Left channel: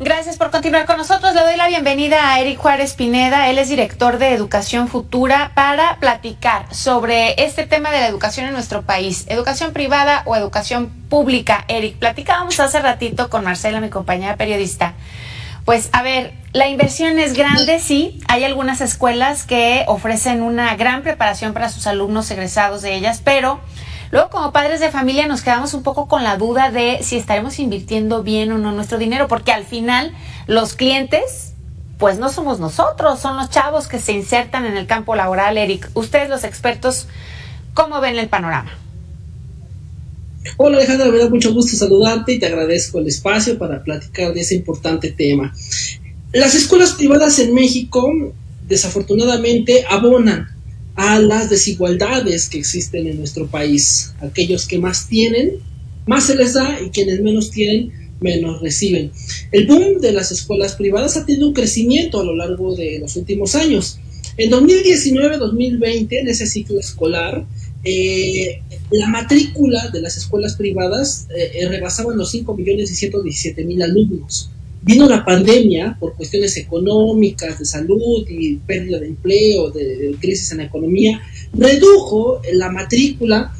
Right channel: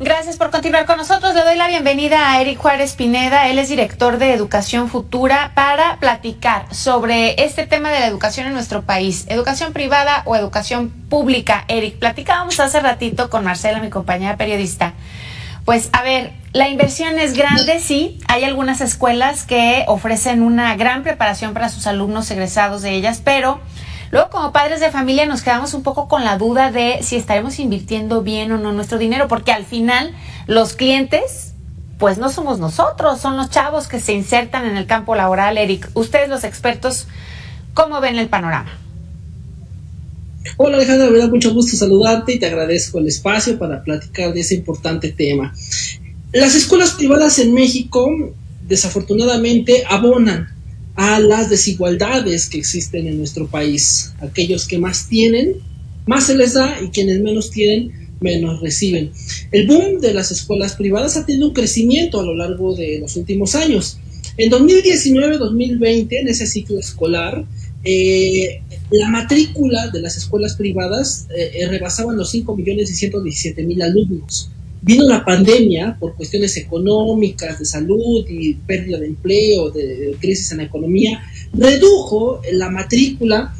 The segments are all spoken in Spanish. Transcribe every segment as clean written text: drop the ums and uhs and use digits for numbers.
Gracias por continuar con nosotros. Le doy la bienvenida a Eric Juárez Pineda. Él es director de Educación Futura para platicar sobre este tema de la educación en nuestro país. ¿Educación privada o educación pública? Eric, platicábamos hace ratito con Marcela, mi compañera periodista. Pues, a ver, la inversión es grande, sí. Hay algunas escuelas que ofrecen una gran preparación para sus alumnos egresados de ellas, pero luego, como padres de familia, nos quedamos un poco con la duda de si estaremos invirtiendo bien o no nuestro dinero, porque al final los clientes, pues no somos nosotros, son los chavos que se insertan en el campo laboral. Eric, ustedes los expertos, ¿cómo ven el panorama? Hola Alejandra, me da mucho gusto saludarte y te agradezco el espacio para platicar de ese importante tema. Las escuelas privadas en México, desafortunadamente, abonan a las desigualdades que existen en nuestro país. Aquellos que más tienen, más se les da, y quienes menos tienen, menos reciben. El boom de las escuelas privadas ha tenido un crecimiento a lo largo de los últimos años. En 2019-2020, en ese ciclo escolar, la matrícula de las escuelas privadas rebasaban los 5.617.000 alumnos. Vino la pandemia por cuestiones económicas, de salud y pérdida de empleo, de crisis en la economía, redujo la matrícula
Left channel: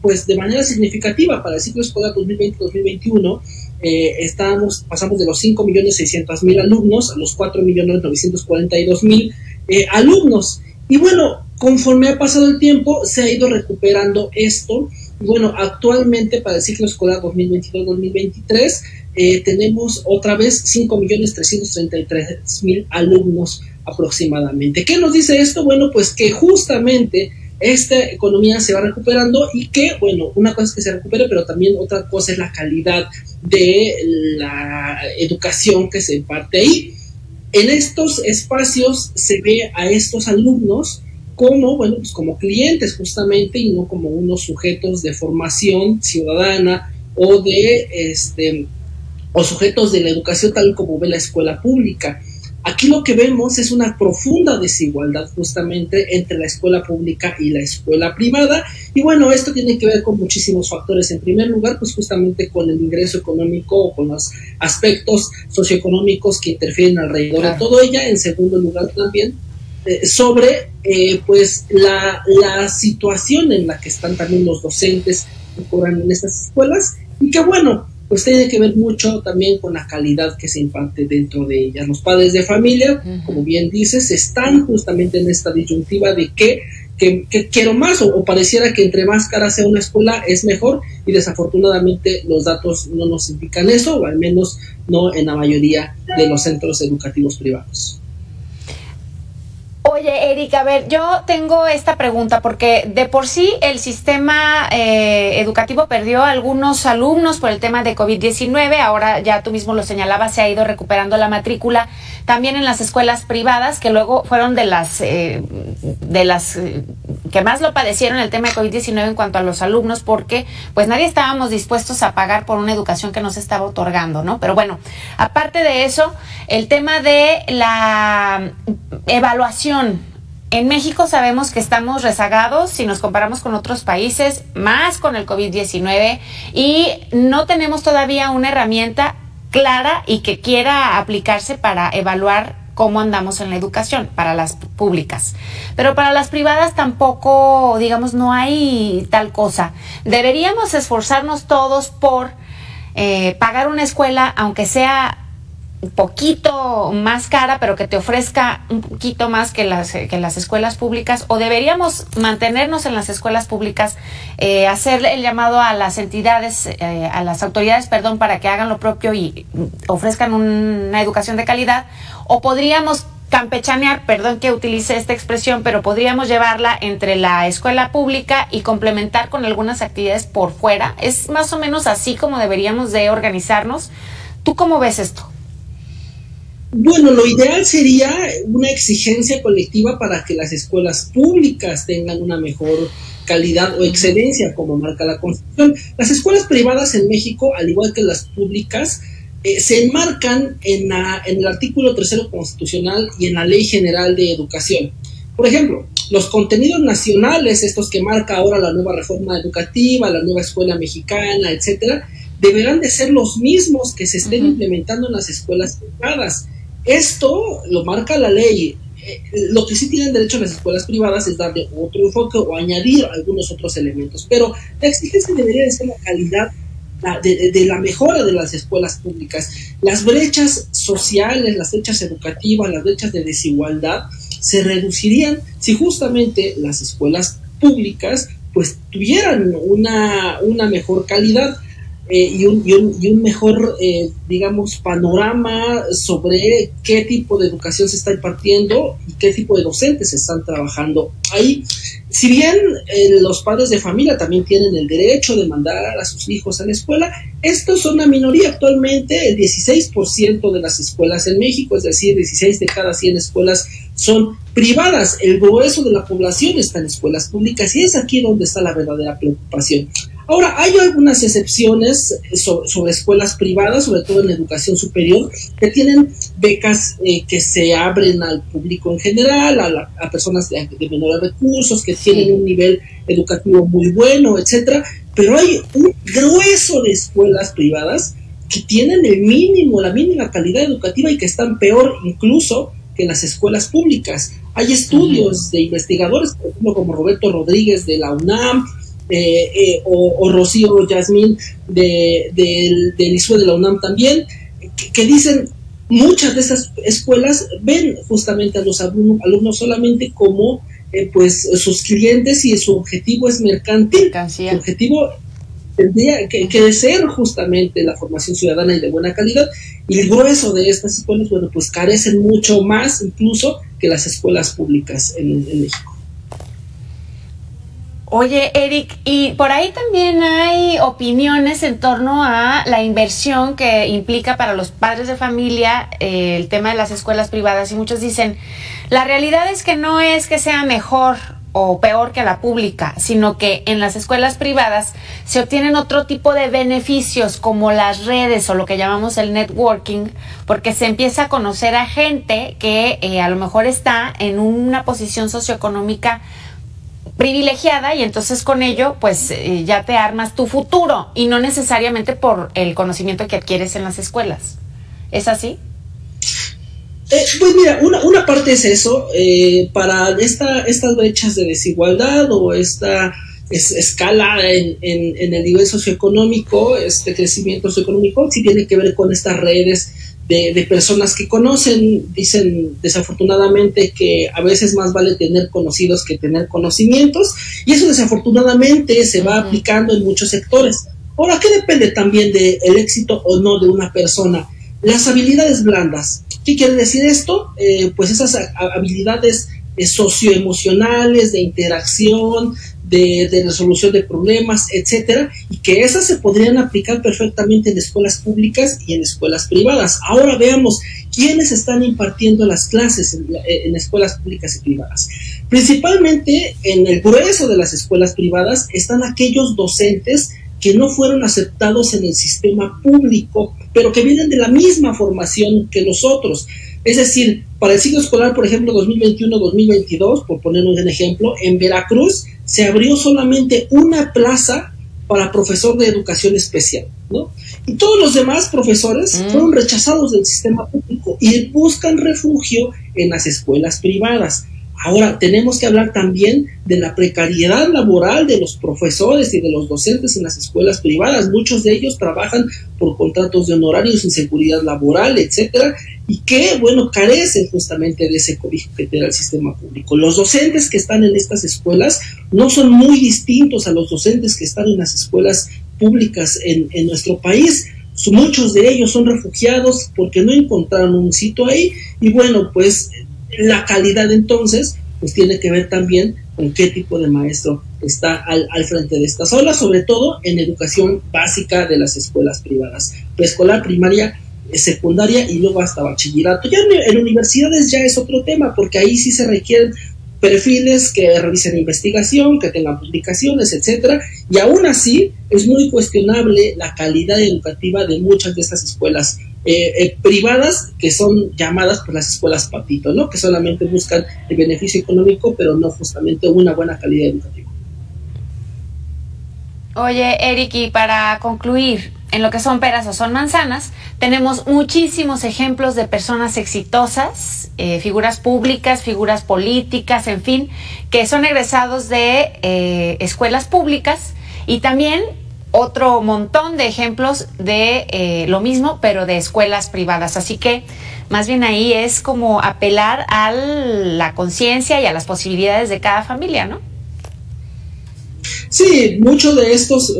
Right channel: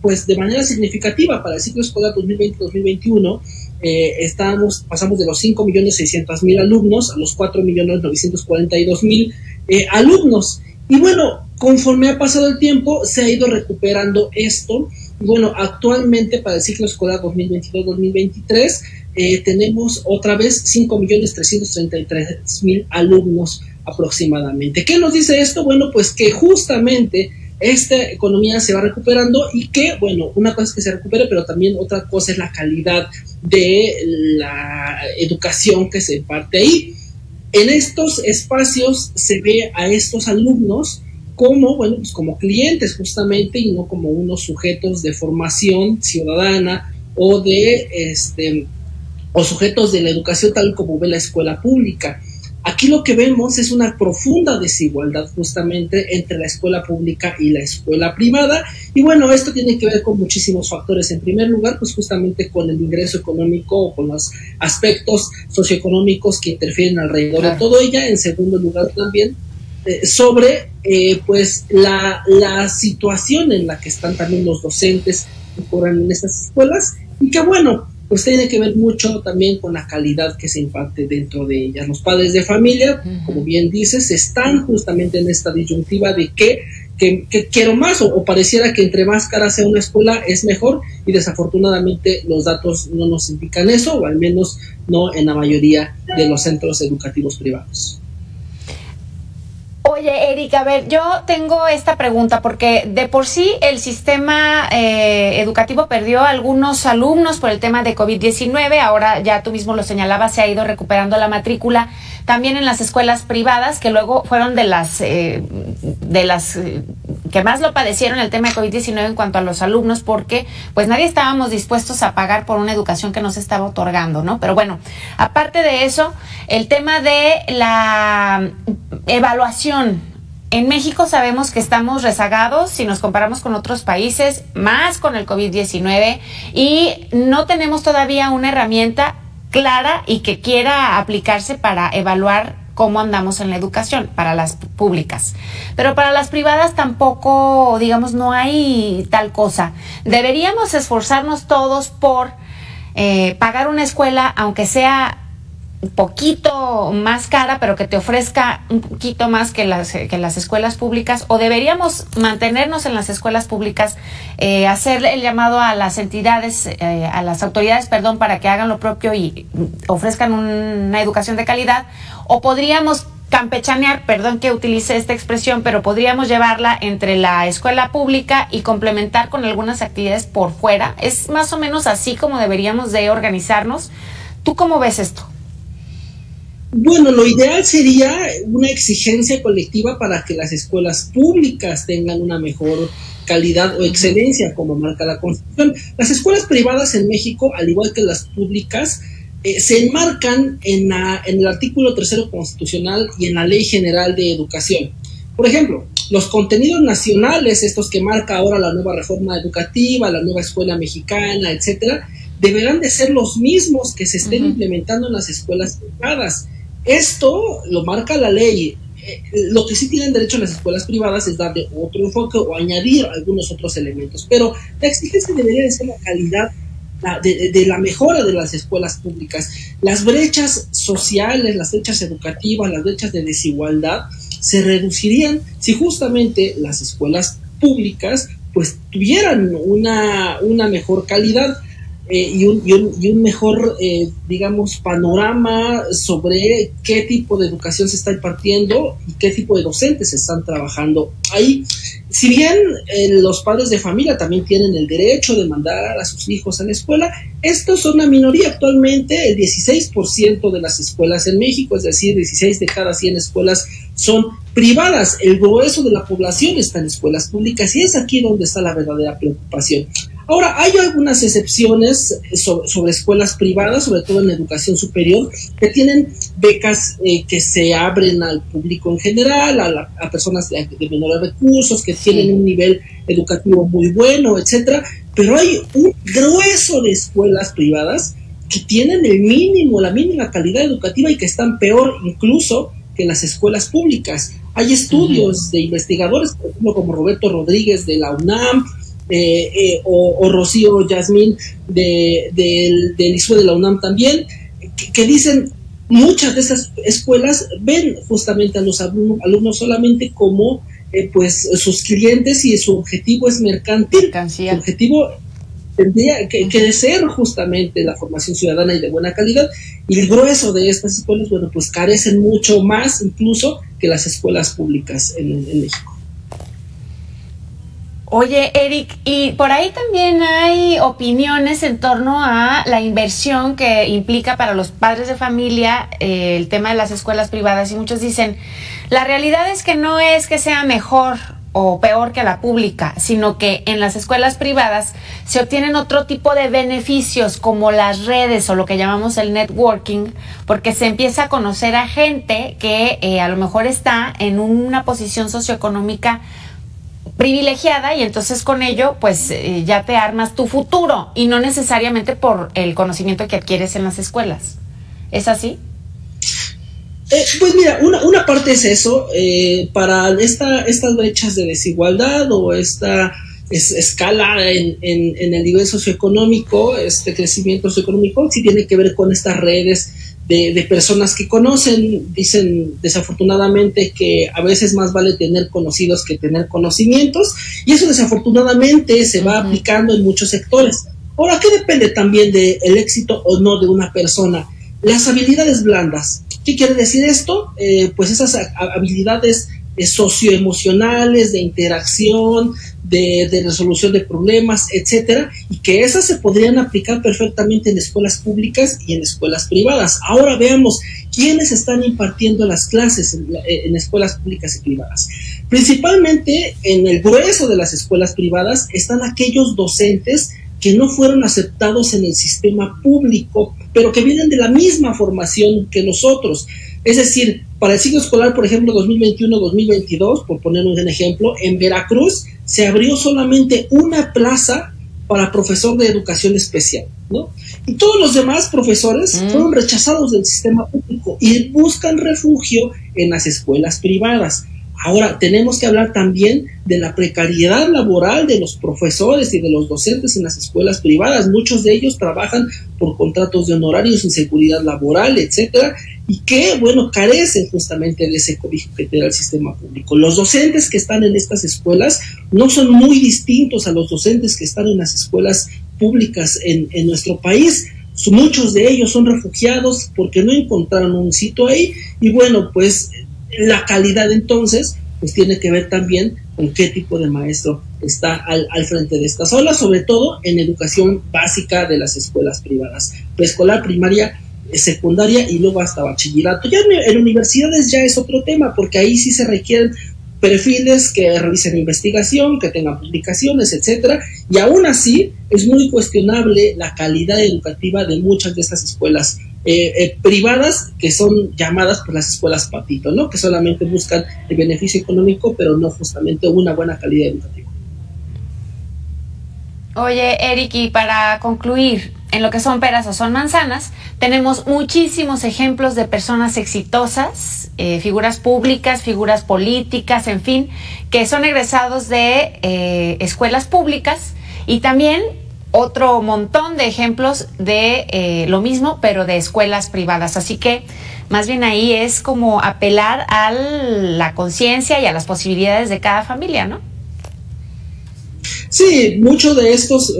pues de manera significativa. Para el ciclo escolar 2020-2021 pasamos de los 5.600.000 alumnos a los 4.942.000 alumnos. Y bueno, conforme ha pasado el tiempo, se ha ido recuperando esto. Bueno, actualmente para el ciclo escolar 2022-2023 tenemos otra vez 5.333.000 alumnos aproximadamente. ¿Qué nos dice esto? Bueno, pues que justamente esta economía se va recuperando y que, bueno, una cosa es que se recupere, pero también otra cosa es la calidad de la educación que se imparte ahí. En estos espacios se ve a estos alumnos como, bueno, pues como clientes justamente, y no como unos sujetos de formación ciudadana o de o sujetos de la educación tal como ve la escuela pública. Aquí lo que vemos es una profunda desigualdad justamente entre la escuela pública y la escuela privada, y bueno, esto tiene que ver con muchísimos factores. En primer lugar, pues justamente con el ingreso económico o con los aspectos socioeconómicos que interfieren alrededor de todo ella. En segundo lugar también sobre pues la situación en la que están también los docentes que cobran en estas escuelas, y que bueno, pues tiene que ver mucho también con la calidad que se imparte dentro de ellas. Los padres de familia, como bien dices, están justamente en esta disyuntiva de que quiero más, o pareciera que entre más cara sea una escuela es mejor, y desafortunadamente los datos no nos indican eso, o al menos no en la mayoría de los centros educativos privados. Oye, Eric, a ver, yo tengo esta pregunta porque de por sí el sistema educativo perdió a algunos alumnos por el tema de COVID-19. Ahora, ya tú mismo lo señalabas, se ha ido recuperando la matrícula también en las escuelas privadas, que luego fueron de las que más lo padecieron el tema de COVID-19 en cuanto a los alumnos, porque pues nadie estábamos dispuestos a pagar por una educación que no se estaba otorgando, ¿no? Pero bueno, aparte de eso, el tema de la evaluación. En México sabemos que estamos rezagados si nos comparamos con otros países, más con el COVID-19, y no tenemos todavía una herramienta clara y que quiera aplicarse para evaluar cómo andamos en la educación para las públicas. Pero para las privadas tampoco, digamos, no hay tal cosa. Deberíamos esforzarnos todos por pagar una escuela, aunque sea un poquito más cara, pero que te ofrezca un poquito más que las escuelas públicas, o deberíamos mantenernos en las escuelas públicas, hacer el llamado a las entidades, a las autoridades, perdón, para que hagan lo propio y ofrezcan una educación de calidad, o podríamos campechanear, perdón que utilice esta expresión, pero podríamos llevarla entre la escuela pública y complementar con algunas actividades por fuera. Es más o menos así como deberíamos de organizarnos. ¿Tú cómo ves esto? Bueno, lo ideal sería una exigencia colectiva para que las escuelas públicas tengan una mejor calidad o excelencia, como marca la Constitución. Las escuelas privadas en México, al igual que las públicas, se enmarcan en el artículo 3º constitucional y en la Ley General de Educación. Por ejemplo, los contenidos nacionales, estos que marca ahora la nueva reforma educativa, la nueva escuela mexicana, etcétera, deberán de ser los mismos que se estén implementando en las escuelas privadas. Esto lo marca la ley. Lo que sí tienen derecho las escuelas privadas es darle otro enfoque o añadir algunos otros elementos, pero la exigencia debería de ser la calidad de la mejora de las escuelas públicas. Las brechas sociales, las brechas educativas, las brechas de desigualdad se reducirían si justamente las escuelas públicas pues tuvieran una mejor calidad y un mejor, digamos, panorama sobre qué tipo de educación se está impartiendo y qué tipo de docentes se están trabajando ahí. Si bien los padres de familia también tienen el derecho de mandar a sus hijos a la escuela, estos son una minoría actualmente. El 16% de las escuelas en México, es decir, 16 de cada 100 escuelas son privadas. El grueso de la población está en escuelas públicas y es aquí donde está la verdadera preocupación. Ahora, hay algunas excepciones sobre escuelas privadas, sobre todo en educación superior, que tienen becas que se abren al público en general, a personas de menores recursos, que tienen un nivel educativo muy bueno, etcétera. Pero hay un grueso de escuelas privadas que tienen el mínimo, la mínima calidad educativa y que están peor incluso que las escuelas públicas. Hay estudios de investigadores, por ejemplo, como Roberto Rodríguez de la UNAM, o Rocío Yasmín del ISUE de la UNAM también, que dicen muchas de esas escuelas ven justamente a los alumnos solamente como pues sus clientes y su objetivo es mercantil. Su objetivo tendría que ser justamente la formación ciudadana y de buena calidad, y el grueso de estas escuelas, bueno, pues carecen mucho más incluso que las escuelas públicas en México. Oye, Eric, y por ahí también hay opiniones en torno a la inversión que implica para los padres de familia el tema de las escuelas privadas, y muchos dicen, la realidad es que no es que sea mejor o peor que la pública, sino que en las escuelas privadas se obtienen otro tipo de beneficios como las redes o lo que llamamos el networking, porque se empieza a conocer a gente que a lo mejor está en una posición socioeconómica privilegiada, y entonces con ello pues ya te armas tu futuro y no necesariamente por el conocimiento que adquieres en las escuelas. ¿Es así? Pues mira, una parte es eso, para estas brechas de desigualdad o esta escala en el nivel socioeconómico, este crecimiento socioeconómico sí tiene que ver con estas redes de personas que conocen. Dicen desafortunadamente que a veces más vale tener conocidos que tener conocimientos, y eso desafortunadamente se va aplicando en muchos sectores. Ahora, ¿qué depende también del éxito o no de una persona? Las habilidades blandas. ¿Qué quiere decir esto? Pues esas habilidades socioemocionales, de interacción, de resolución de problemas, etcétera, y que esas se podrían aplicar perfectamente en escuelas públicas y en escuelas privadas. Ahora veamos quiénes están impartiendo las clases en escuelas públicas y privadas. Principalmente en el grueso de las escuelas privadas están aquellos docentes que no fueron aceptados en el sistema público, pero que vienen de la misma formación que nosotros. Es decir, para el ciclo escolar, por ejemplo, 2021-2022, por poner un ejemplo, en Veracruz se abrió solamente una plaza para profesor de educación especial, ¿no? Y todos los demás profesores fueron rechazados del sistema público y buscan refugio en las escuelas privadas. Ahora, tenemos que hablar también de la precariedad laboral de los profesores y de los docentes en las escuelas privadas. Muchos de ellos trabajan por contratos de honorarios sin seguridad laboral, etcétera, y que, bueno, carecen justamente de ese cobijo que te da el sistema público. Los docentes que están en estas escuelas no son muy distintos a los docentes que están en las escuelas públicas en nuestro país. Muchos de ellos son refugiados porque no encontraron un sitio ahí, y bueno, pues la calidad entonces pues tiene que ver también con qué tipo de maestro está al frente de estas aulas, sobre todo en educación básica de las escuelas privadas, preescolar, primaria, secundaria y luego hasta bachillerato. Ya en universidades ya es otro tema, porque ahí sí se requieren perfiles que realicen investigación, que tengan publicaciones, etcétera, y aún así es muy cuestionable la calidad educativa de muchas de estas escuelas privadas, que son llamadas por las escuelas patito, ¿no? Que solamente buscan el beneficio económico, pero no justamente una buena calidad educativa. Oye, Eric, y para concluir, en lo que son peras o son manzanas, tenemos muchísimos ejemplos de personas exitosas, figuras públicas, figuras políticas, en fin, que son egresados de escuelas públicas, y también otro montón de ejemplos de lo mismo, pero de escuelas privadas. Así que más bien ahí es como apelar a la conciencia y a las posibilidades de cada familia, ¿no? Sí, muchos de estos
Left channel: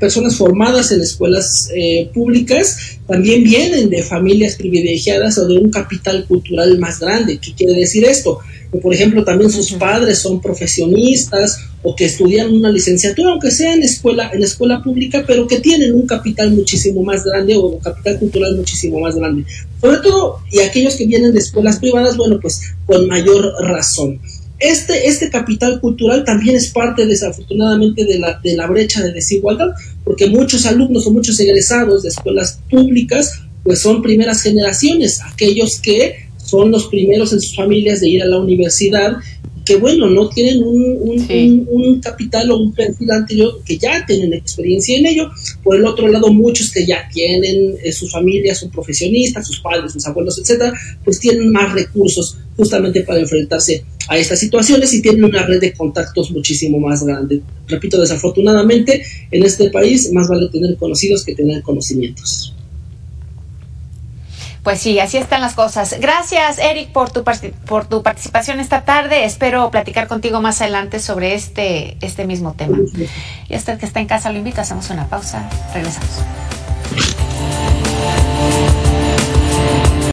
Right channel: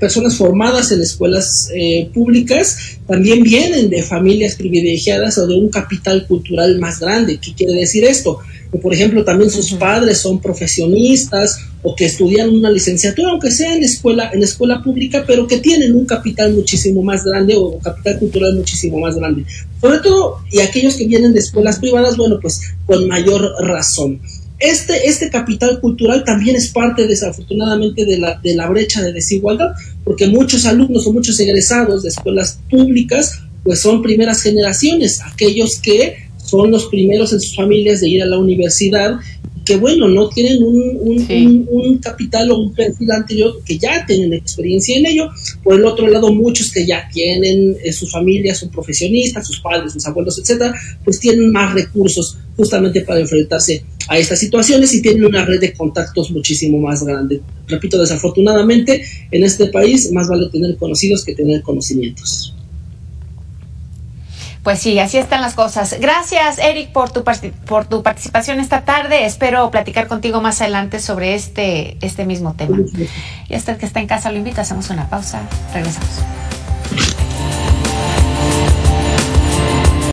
personas formadas en escuelas públicas también vienen de familias privilegiadas o de un capital cultural más grande. ¿Qué quiere decir esto? Que, por ejemplo, también sus padres son profesionistas o que estudian una licenciatura, aunque sea en escuela pública, pero que tienen un capital muchísimo más grande o capital cultural muchísimo más grande. Sobre todo, y aquellos que vienen de escuelas privadas, bueno, pues con mayor razón. Este capital cultural también es parte, desafortunadamente, de la brecha de desigualdad, porque muchos alumnos o muchos egresados de escuelas públicas pues son primeras generaciones, aquellos que son los primeros en sus familias de ir a la universidad, que bueno, no tienen un capital o un perfil anterior, que ya tienen experiencia en ello. Por el otro lado, muchos que ya tienen sus familias, son profesionistas, sus padres, sus abuelos, etcétera, pues tienen más recursos justamente para enfrentarse a estas situaciones y tienen una red de contactos muchísimo más grande. Repito, desafortunadamente, en este país más vale tener conocidos que tener conocimientos. Pues sí, así están las cosas. Gracias, Eric, por tu participación esta tarde. Espero platicar contigo más adelante sobre este mismo tema. Y hasta el que está en casa lo invito. Hacemos una pausa. Regresamos.